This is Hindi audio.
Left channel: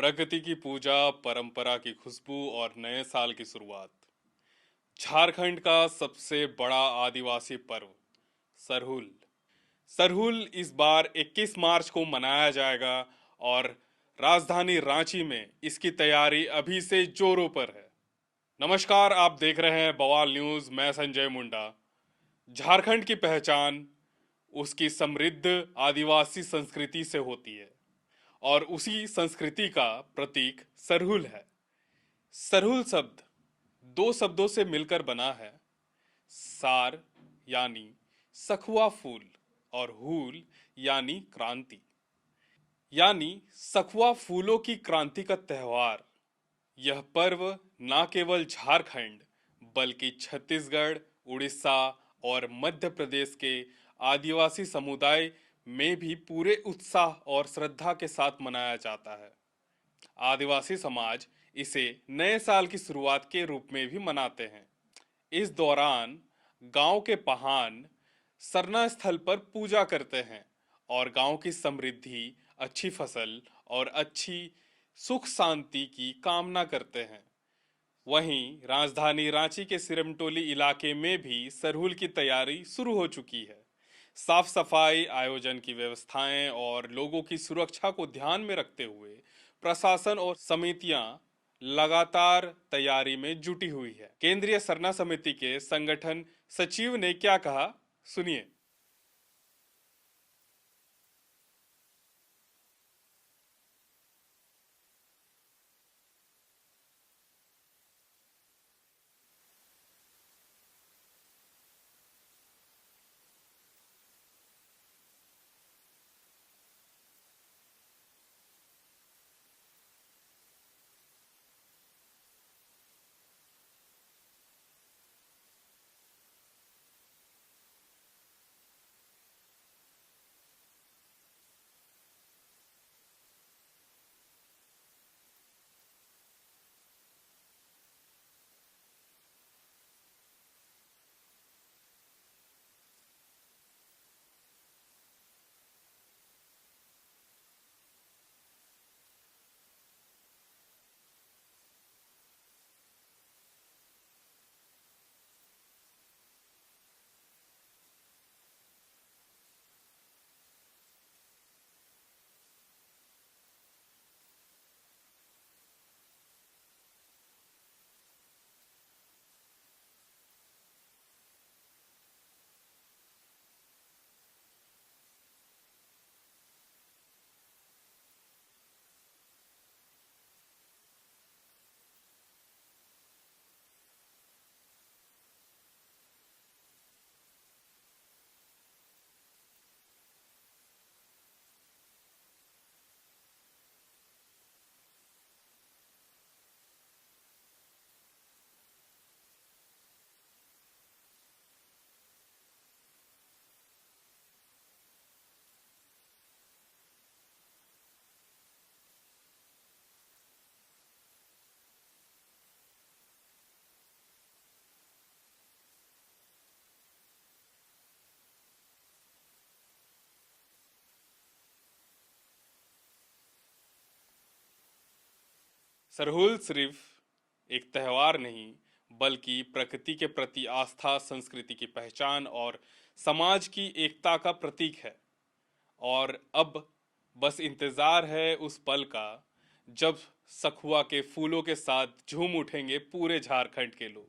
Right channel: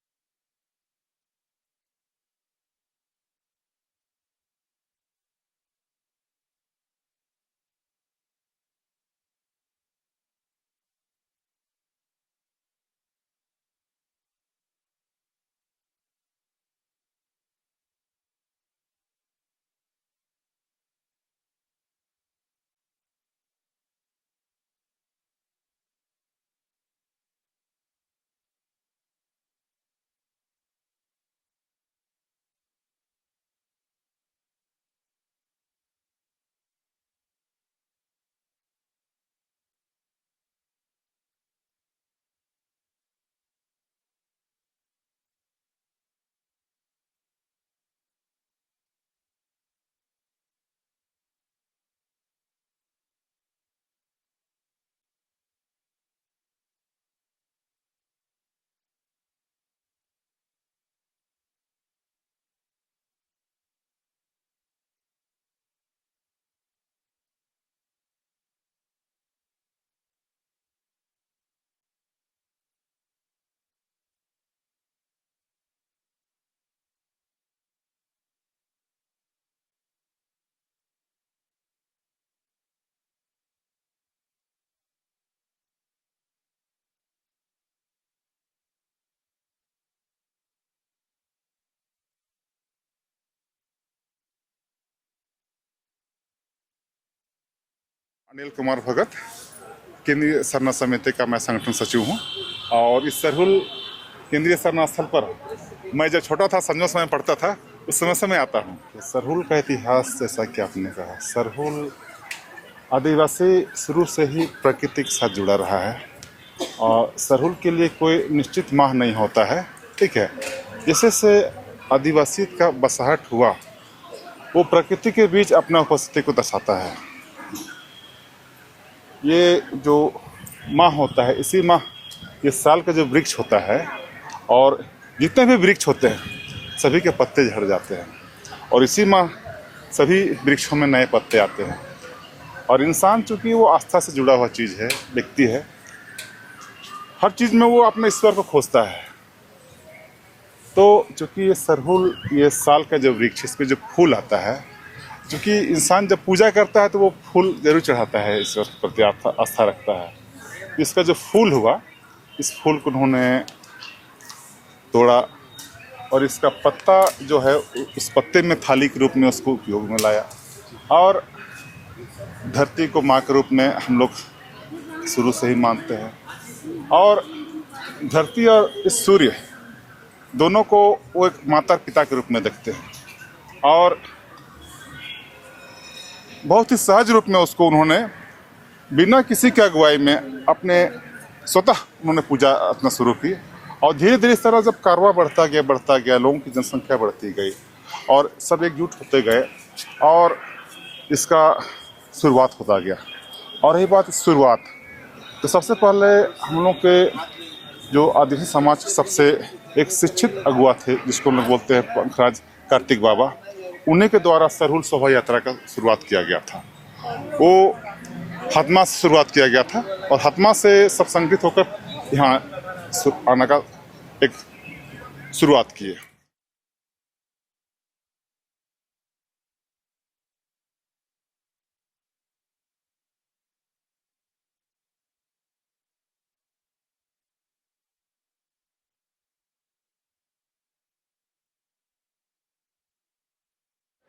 प्रकृति की पूजा, परंपरा की खुशबू और नए साल की शुरुआत। झारखंड का सबसे बड़ा आदिवासी पर्व सरहुल। सरहुल इस बार 21 मार्च को मनाया जाएगा और राजधानी रांची में इसकी तैयारी अभी से जोरों पर है। नमस्कार, आप देख रहे हैं बवाल न्यूज। मैं संजय मुंडा। झारखंड की पहचान उसकी समृद्ध आदिवासी संस्कृति से होती है और उसी संस्कृति का प्रतीक सरहुल है। सरहुल शब्द दो शब्दों से मिलकर बना है। सार यानी सखुआ फूल और हूल यानी क्रांति, यानी सखुआ फूलों की क्रांति का त्योहार। यह पर्व न केवल झारखंड बल्कि छत्तीसगढ़, उड़ीसा और मध्य प्रदेश के आदिवासी समुदाय में भी पूरे उत्साह और श्रद्धा के साथ मनाया जाता है। आदिवासी समाज इसे नए साल की शुरुआत के रूप में भी मनाते हैं। इस दौरान गांव के पहान सरना स्थल पर पूजा करते हैं और गांव की समृद्धि, अच्छी फसल और अच्छी सुख शांति की कामना करते हैं। वहीं राजधानी रांची के सिरमटोली इलाके में भी सरहुल की तैयारी शुरू हो चुकी है। साफ सफाई, आयोजन की व्यवस्थाएं और लोगों की सुरक्षा को ध्यान में रखते हुए प्रशासन और समितियां लगातार तैयारी में जुटी हुई है। केंद्रीय सरना समिति के संगठन सचिव ने क्या कहा, सुनिए। अनिल कुमार भगत, केंद्रीय सरना समिति का मैं संगठन सचिव हूँ। और इस सरहुल केंद्रीय सरना स्थल पर मैं जब छोटा था, संजो समय पढ़ता था, उस समय से मैं आता हूँ। तो सरहुल का इतिहास, जैसा कि आपने कहा, सरहुल आदिवासी शुरू से ही प्रकृति के साथ जुड़ा रहा है और सरहुल के लिए कोई निश्चित माह नहीं होता है। ठीक है, जैसे से आदिवासी का बसाहट हुआ, वो प्रकृति के बीच अपना उपस्थिति को दर्शाता है। ये जो माह होता है, इसी माह ये साल का जो वृक्ष होता है, और जितने भी वृक्ष होते हैं सभी के पत्ते झड़ जाते हैं और इसी माह सभी वृक्षों में नए पत्ते आते हैं। और इंसान चूंकि वो आस्था से जुड़ा हुआ चीज़ है, व्यक्ति है, हर चीज़ में वो अपने ईश्वर को खोजता है। तो चूंकि ये सरहुल, ये साल का जो वृक्ष, इस पर जो फूल आता है, क्योंकि इंसान जब पूजा करता है तो वो फूल जरूर चढ़ाता है, ईश्वर के प्रति आस्था रखता है। इसका जो फूल हुआ, इस फूल को उन्होंने तोड़ा और इसका पत्ता जो है, उस पत्ते में थाली के रूप में उसको उपयोग में लाया। और धरती को माँ के रूप में हम लोग शुरू से ही मानते हैं और धरती और इस सूर्य दोनों को वो एक माता पिता के रूप में देखते हैं और बहुत ही सहज रूप में उसको उन्होंने बिना किसी की अगुवाई में अपने स्वतः उन्होंने पूजा अपना शुरू की। और धीरे धीरे इस तरह जब कारवां बढ़ता गया, लोगों की जनसंख्या बढ़ती गई और सब एकजुट होते गए और इसका शुरुआत होता गया। और रही बात शुरुआत, तो सबसे पहले हम लोग के जो आदिवासी समाज के सबसे एक शिक्षित अगुआ थे, जिसको हम लोग बोलते हैं पंखराज कार्तिक बाबा, उन्हीं के द्वारा सरहुल शोभा यात्रा का शुरुआत किया गया था। वो हतमा से शुरुआत किया गया था और हतमा से सब संगठित होकर यहाँ आने का एक शुरुआत की है। सरहुल सिर्फ एक त्योहार नहीं बल्कि प्रकृति के प्रति आस्था, संस्कृति की पहचान और समाज की एकता का प्रतीक है। और अब बस इंतजार है उस पल का जब सखुआ के फूलों के साथ झूम उठेंगे पूरे झारखंड के लोग।